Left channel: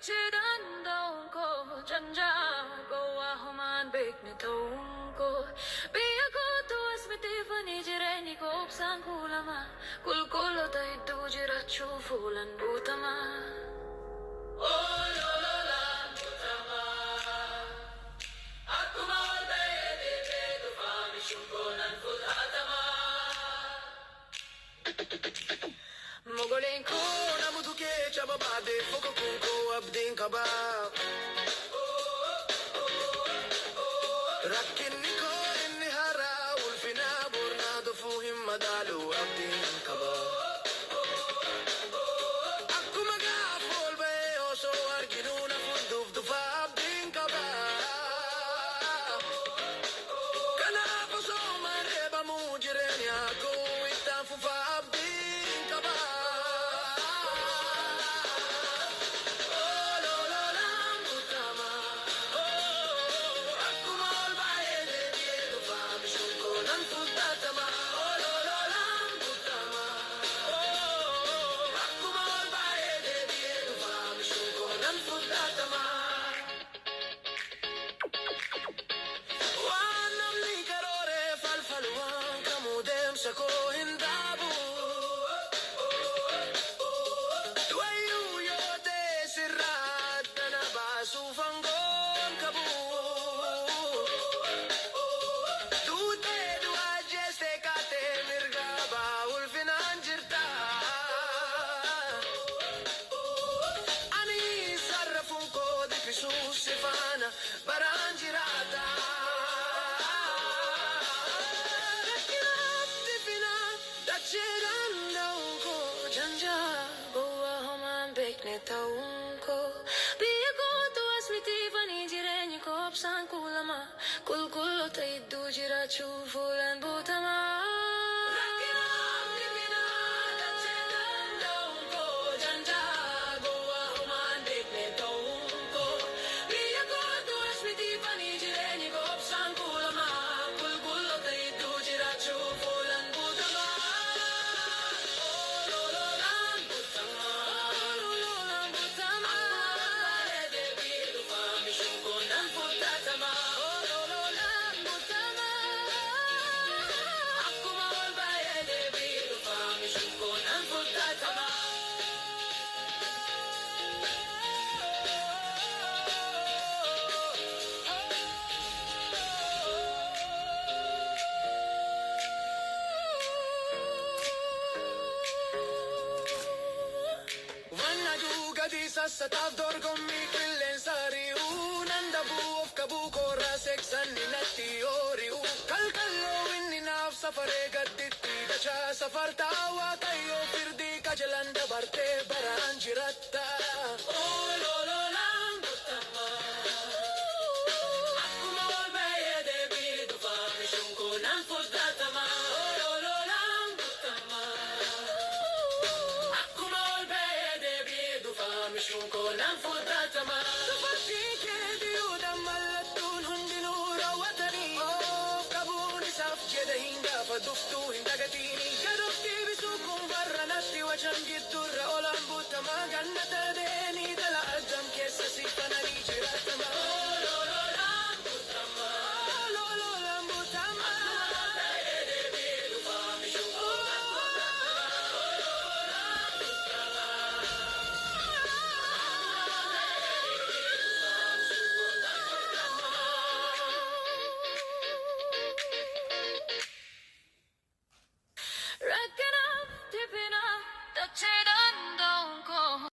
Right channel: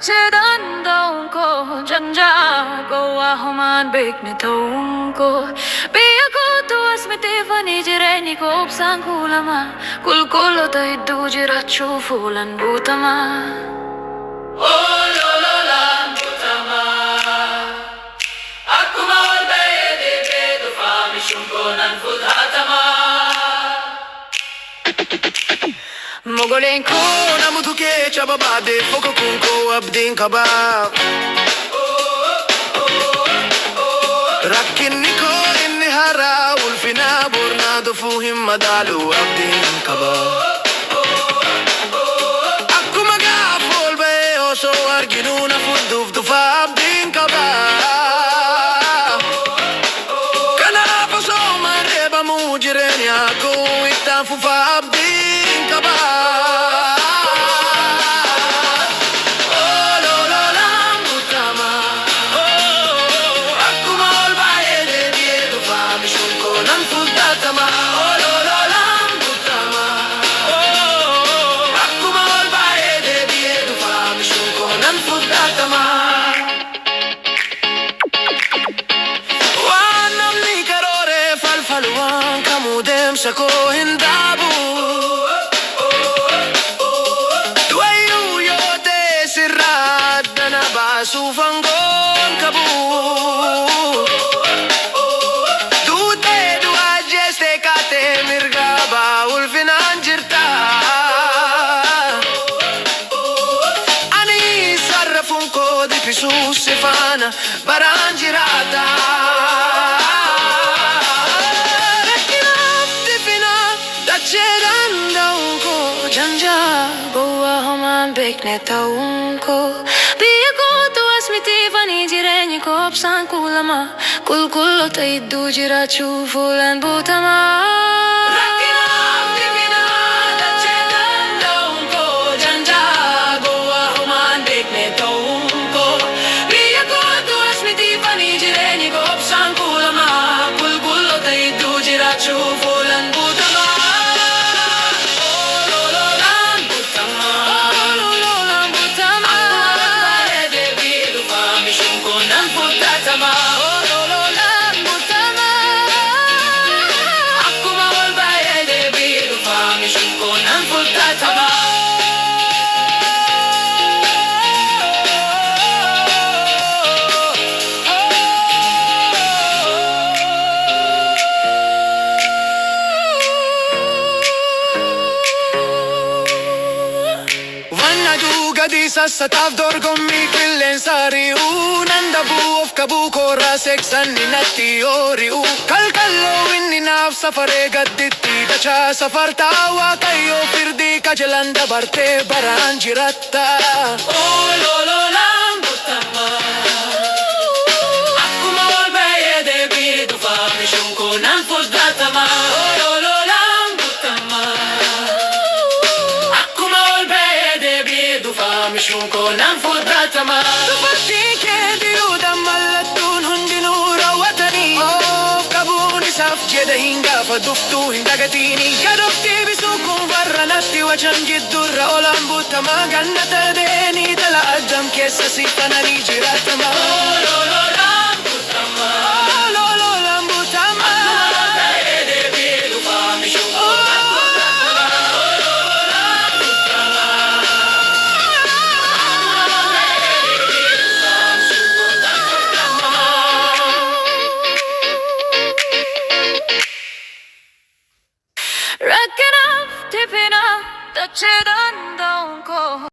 Tachedan ko janja goa human bek ne ko biya ko tuas me tefani jireni ko obsan kulama kulkulo tai dujira chufulan butama Olan butama akuma wal bayde bedu fami shunkonan futhatama Mogolen ko namutuke chababade foko kunko abdin kabab Rakin ko inni haaraa ulfina burna dufuhim madalu abdin kabab Akkuma gaafol bae oso arginuna fudduf dufa abdin kabab Kanaaf oso mareebamu jireenya ko ittaan fufa abdin kabab Falwan kamudem sako hindabu Duayu yote sirad dana basu fangon kabu Dute dua jeste kate mirga baul finan jirta Ani sarrafun ko di pisu sifana baran jirata Janja goa human bek ne ko biya ko tuas me tefani jireni ko obsan kulama kulkulo tai dujira chufulan butama Gadi sassataaf dorgommii qilleensa ri'u nan dabuu of qabuu koorraa seeksanni natti yoori'u kalkalloo inni naaf safaree gadditti dachaa safartaa waaqayyoo firdii kajelan dabartee baraan jiratta Olan butama akkuma wal bayee deebii dhufaa mishuun koonaan fudhatama Shunkonan fudhatama Dubartii kee diyuudhaan mallattuun hundinuu raawwatanii Of qabuun isaaf jedha hin gaafa duftuu hin dagatini Gadoftii bisuu kun barra natti wacan jiddurra Olan butamaa gannata deenii dhala addam keessa siifananii jiraatama Olan butama Olan butama Racking up, tipping up, touching on, don't go